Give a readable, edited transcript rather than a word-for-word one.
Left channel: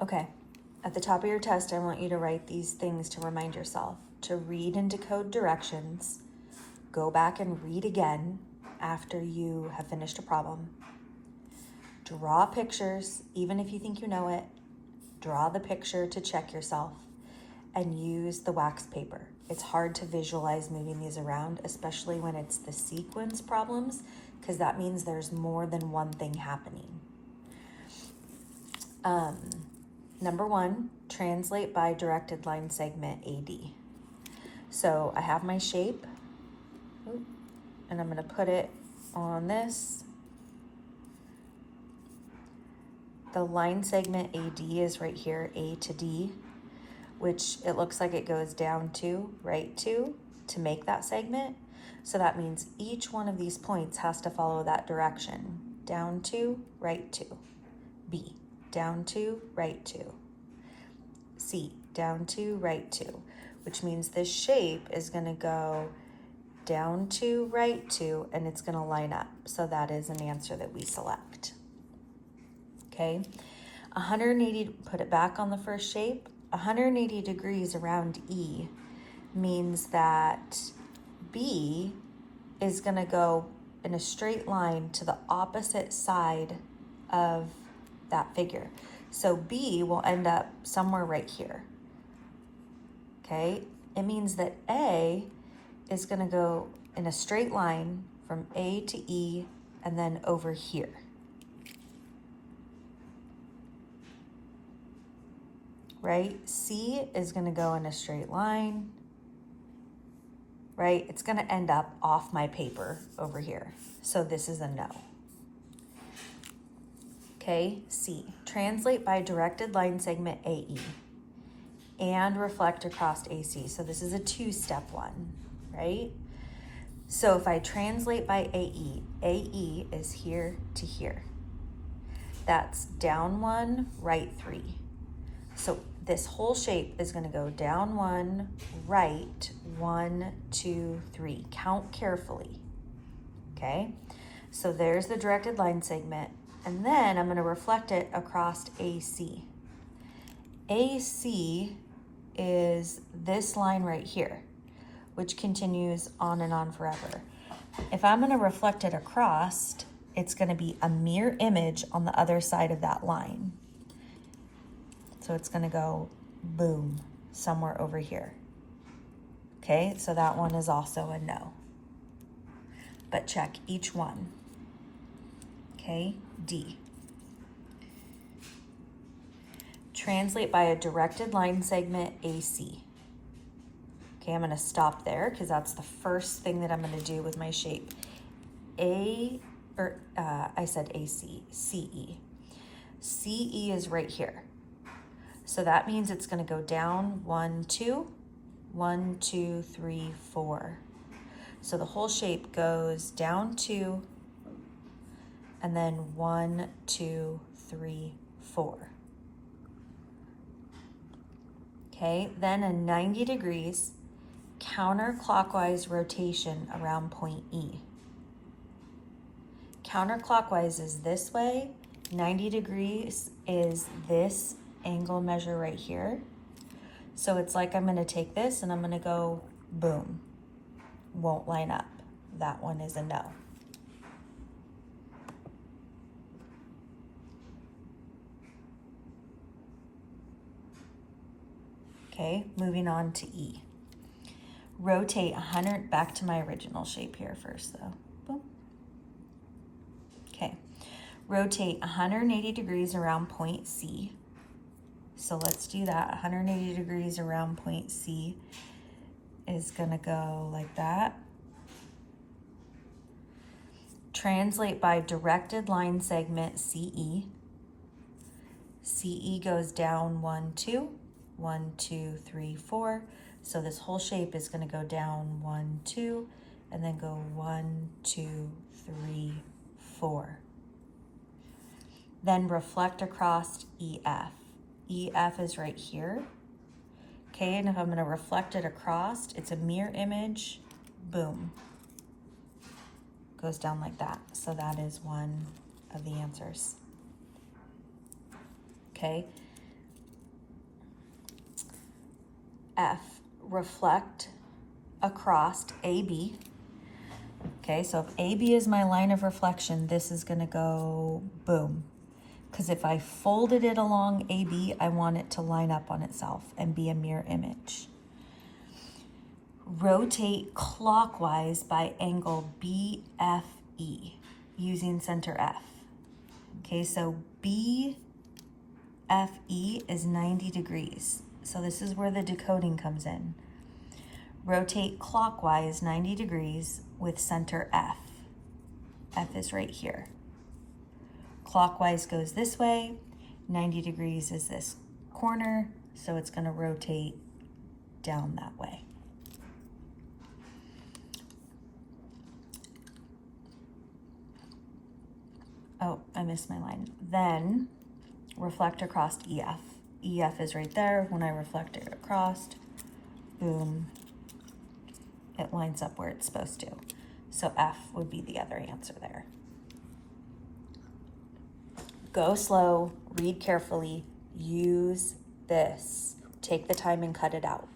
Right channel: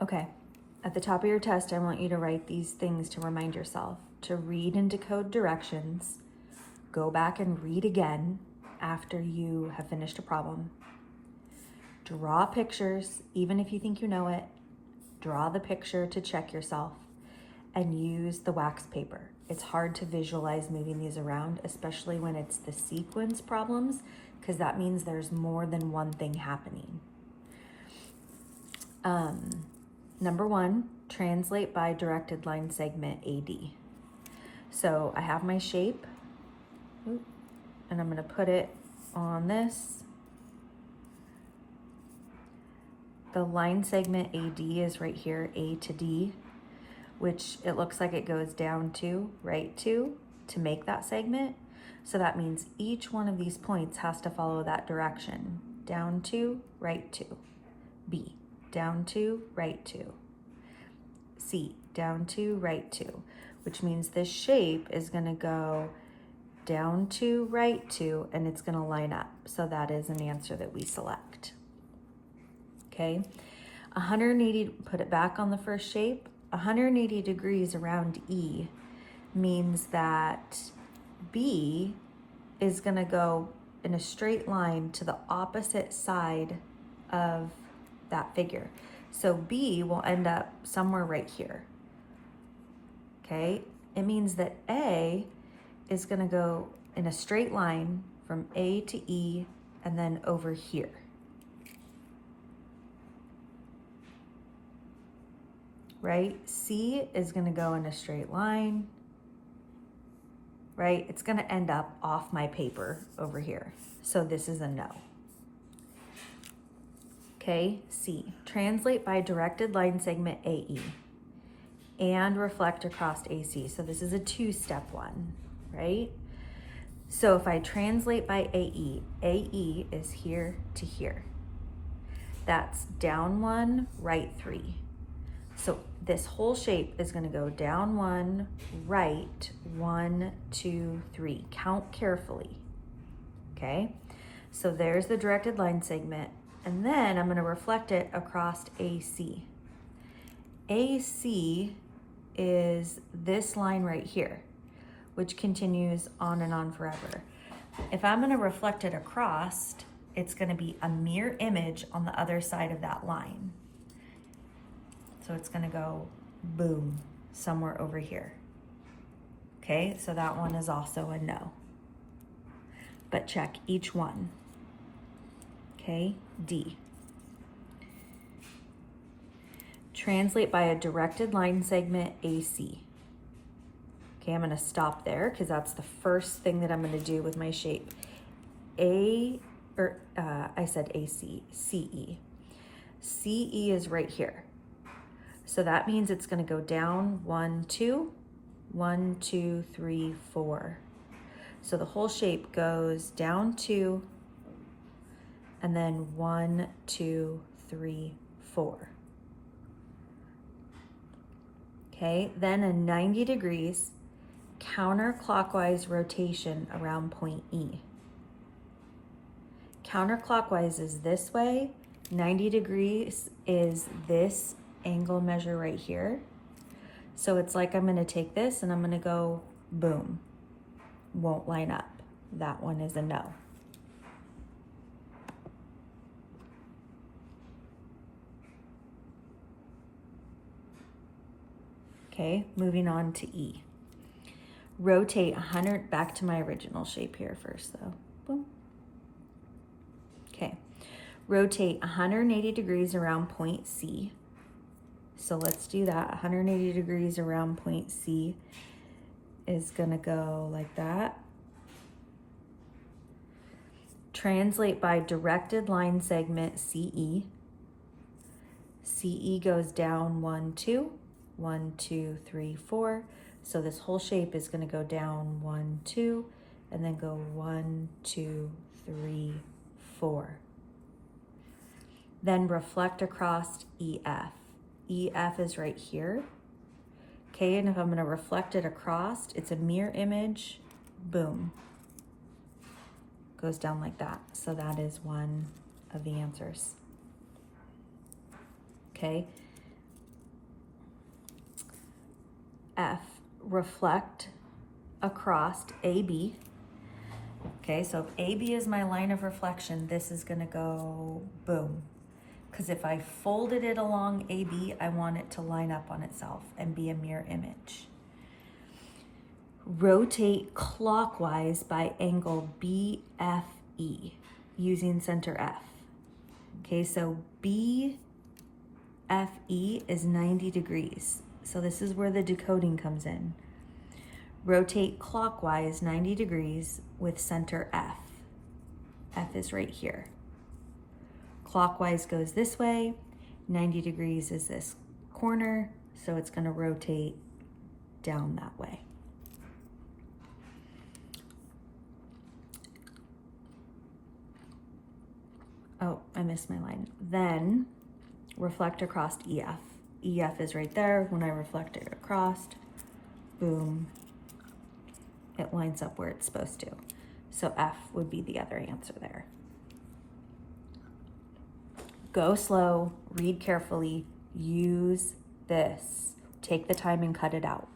Okay, at the top of your test, I want you to write these things to remind yourself to read and decode directions, go back and read again after you have finished a problem, draw pictures, even if you think you know it, draw the picture to check yourself, and use the wax paper. It's hard to visualize moving these around, especially when it's the sequence problems, because that means there's more than one thing happening. Number one, translate by directed line segment AD. So I have my shape, and I'm gonna put it on this. The line segment AD is right here, A to D, which it looks like it goes down to, right to make that segment. So that means each one of these points has to follow that direction. Down to, right to. B, down to, right to. C, down to, right to, which means this shape is gonna go down to, right to, and it's gonna line up. So that is an answer that we select. Okay, 180, put it back on the first shape. 180 degrees around E means that B is gonna go in a straight line to the opposite side of that figure. So B will end up somewhere right here. Okay, it means that A is gonna go in a straight line from A to E and then over here. Right? C is gonna go in a straight line, right? It's gonna end up off my paper over here. So this is a no. Okay, C, translate by directed line segment AE and reflect across AC. So this is a two-step one, right? So if I translate by AE, AE is here to here. That's down one, right three. So this whole shape is gonna go down one, right, 1, 2, 3. Count carefully, okay? So there's the directed line segment, and then I'm gonna reflect it across AC. AC is this line right here, which continues on and on forever. If I'm gonna reflect it across, it's gonna be a mirror image on the other side of that line. So it's gonna go boom, somewhere over here. Okay, so that one is also a no. But check each one. Okay, D. Translate by a directed line segment AC. Okay, I'm gonna stop there because that's the first thing that I'm gonna do with my shape. I said AC, CE. CE is right here. So that means it's gonna go down 1, 2, 1, 2, 3, 4. So the whole shape goes down 2, and then 1, 2, 3, 4. Okay, then a 90 degrees counterclockwise rotation around point E. Counterclockwise is this way, 90 degrees is this angle measure right here. So it's like I'm gonna take this and I'm gonna go boom. Won't line up. That one is a no. Okay, moving on to E. Rotate 100, back to my original shape here first though. Boom. Okay, rotate 180 degrees around point C. So let's do that. 180 degrees around point C is gonna go like that. Translate by directed line segment CE. CE goes down 1, 2, 1, 2, 3, 4. So this whole shape is gonna go down 1, 2, and then go 1, 2, 3, 4. Then reflect across EF. EF is right here. Okay, and if I'm gonna reflect it across, it's a mirror image, boom. Goes down like that. So that is one of the answers. Okay, F, reflect across AB. Okay, so if AB is my line of reflection, this is gonna go boom. Because if I folded it along AB, I want it to line up on itself and be a mirror image. Rotate clockwise by angle BFE using center F. Okay, so BFE is 90 degrees. So this is where the decoding comes in. Rotate clockwise 90 degrees with center F. F is right here. Clockwise goes this way, 90 degrees is this corner, so it's gonna rotate down that way. Oh, I missed my line. Then reflect across EF. EF is right there. When I reflect it across, boom, it lines up where it's supposed to. So F would be the other answer there. Go slow, read carefully, use this. Take the time and cut it out.